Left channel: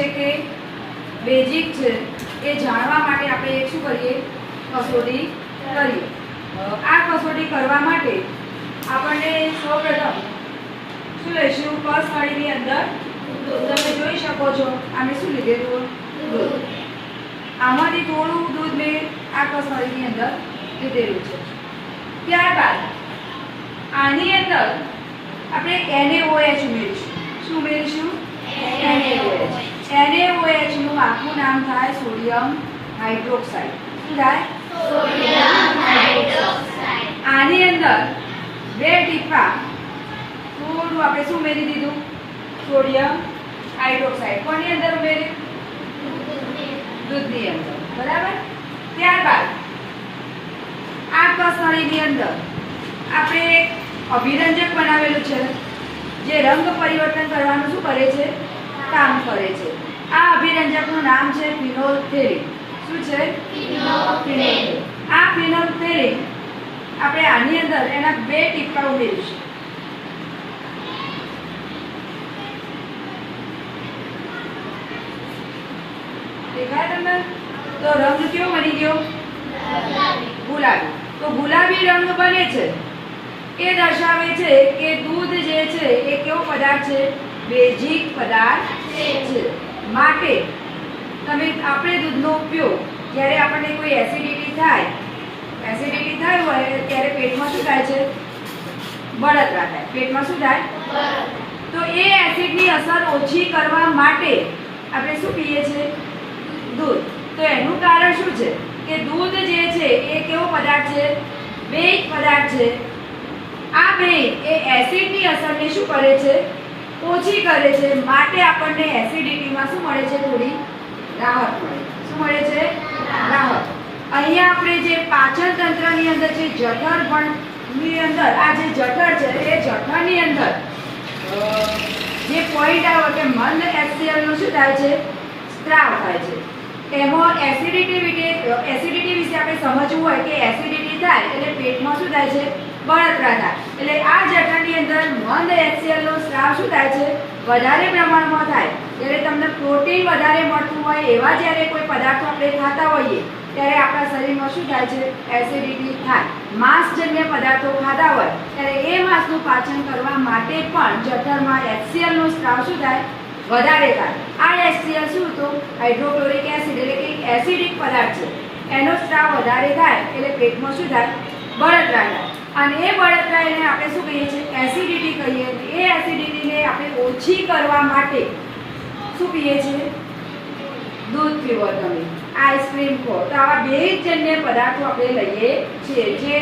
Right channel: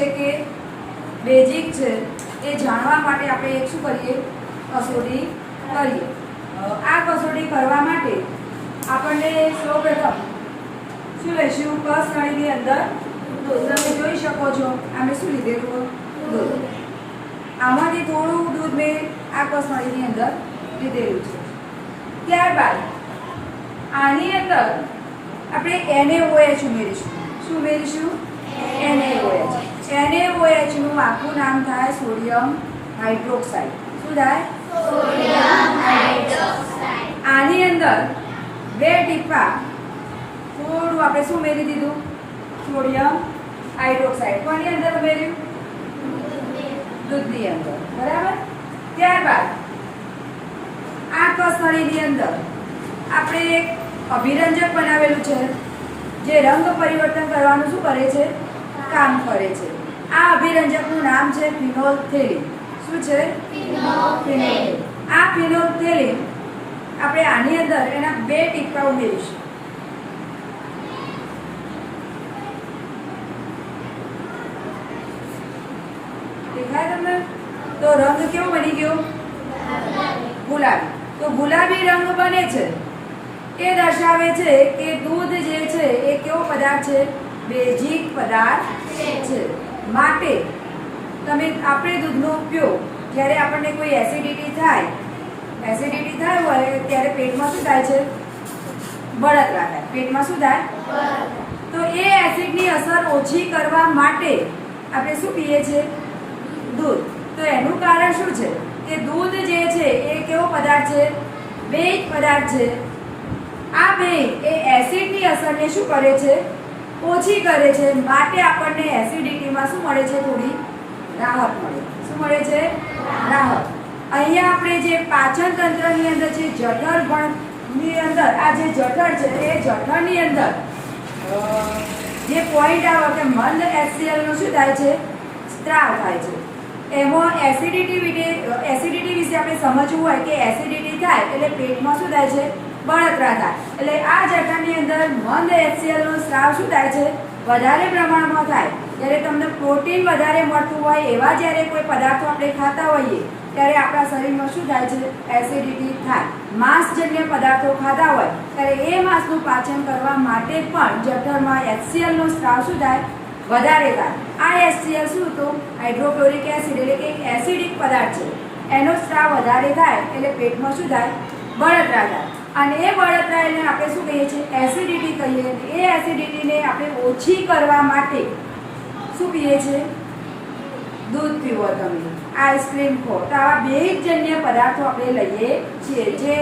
છે કે બેઝિક છે એ જાણવા માટે આપણે એક શું કરીએ, કસોટી કરીએ. આ કસોટી કરવા માટે આપણને સૌપ્રથમ શું લઈશું, કસ નળીની અંદર તમે જોઈ શકો છો અમે શું લીધેલું, દૂધ. આમાંથી થોડું દૂધ મેં આ કસ નળીની અંદર લીધેલું છે. ત્યારબાદ આની અંદર આપણે NaOH ઉમેરીશું. શું ઉમેરીશું? NaOH. NaOH નું આખું નામ થાય સોડિયમ હાઇડ્રોક્સાઇડ. શું થાય? Sodium hydroxide. આની અંદર 2 ટીપા થોડું આપણે શું ઉમેરી દીધું, સોડિયમ હાઇડ્રોક્સાઇડ. કોની અંદર ઉમેર્યું? દૂધની અંદર. બરાબર. ત્યારબાદ આ કસ નળીની અંદર આપણે એક અભિરંજક બનાવેલું છે જે રંગ પરિવર્તન કરવાનું શું કરે છે, કામ કરે છે. આ અભિરંજકનું નામ છે ફિનોલ્ફથેલિન. શું છે? ફિનોલ્ફથેલિન. આ ફિનોલ્ફથેલિન આપણે આની અંદર એના 2 ટીપા ઉમેરીશું. દેખાય તમને? તો રંગ કેવો બની ગયો? ગુલાબી. તો ગુલાબી રંગ બને છે એ દર્શાવે છે કે દૂધ જે છે એ કેવો પદાર્થ છે, બેઝિક પદાર્થ છે. માટે આપણે દૂધનો ઉપયોગ જ્યારે આપણને કોઈ એસિડિટી થાય હોય ત્યારે પેટમાં શું થાય છે, બળતરા થાય. પેટમાં શું થાય? તો એ એસિડની અસર ઓછી કરવા માટે આપણે શું પીએ છીએ, દૂધ. તો એનું કારણ શું છે કે દૂધ જે છે એ કેવો પદાર્થ છે, બેઝિક પદાર્થ છે. આ બેઝ એ એસિડની અસરને શું કરે છે, ઓછી કરે છે. માટે આપણને એસિડિટીમાં શું મળે છે, થોડી રાહત મળે. શું મળે છે? રાહત. અહીંયા આપણે જે પાચન તંત્રની અંદર જે જઠર ભણની અંદર આ જે જઠર છે એ જઠરની અંદર જે પોઈન્ટ આવે કે મંદ HCl નો શું થાય છે, સ્ત્રાવ થાય છે. એમાં એસિડિટી વિશે આપણે સમજવું હોય કે એસિડિટી થાય એટલે પેટમાં શું થાય છે, બળતરા થાય. એટલે આ જઠરની અંદર મંદ HCl નો સ્ત્રાવ શું થાય છે, વધારે પ્રમાણમાં થાય. જ્યારે તમને પ્રોટીન વધારે મળતું હોય એવા જ્યારે કોઈ પદાર્થો આપણે ખાતા હોઈએ ત્યારે આપણા શરીરમાં શું થાય છે, એસિડિટી થાય. માંસજન્ય પદાર્થો ખાતા હોય ત્યારે એ માંસનું પાચન કરવા માટે પણ જઠરમાં HCl નો સ્ત્રાવ શું થાય, વધારે થાય. આ HCl શું તો હાઇડ્રોક્લોરિક એસિડ એટલે કે એસિડિક પદાર્થ છે. એનો સ્ત્રાવ વધારે થાય એટલે પેટમાં શું થાય, બળતરા થાય. અને એ બળતરા એને આપણે શું કહીએ છીએ, એસિડિટી કહીએ. એ એસિડિટીને આપણે ઓછી કરવા માટે શું પીએ છીએ, દૂધ પીવો, તમે આઈસ્ક્રીમ ખો. તો આવા બેઝજન્ય પદાર્થો આપણે લઈએ છીએ જે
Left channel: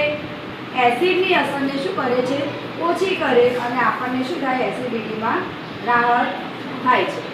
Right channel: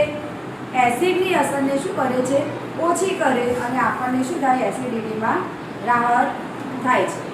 એસિડની અસરને શું કરે છે, ઓછી કરે અને આપણને શું થાય, એસિડિટીમાં રાહત થાય છે.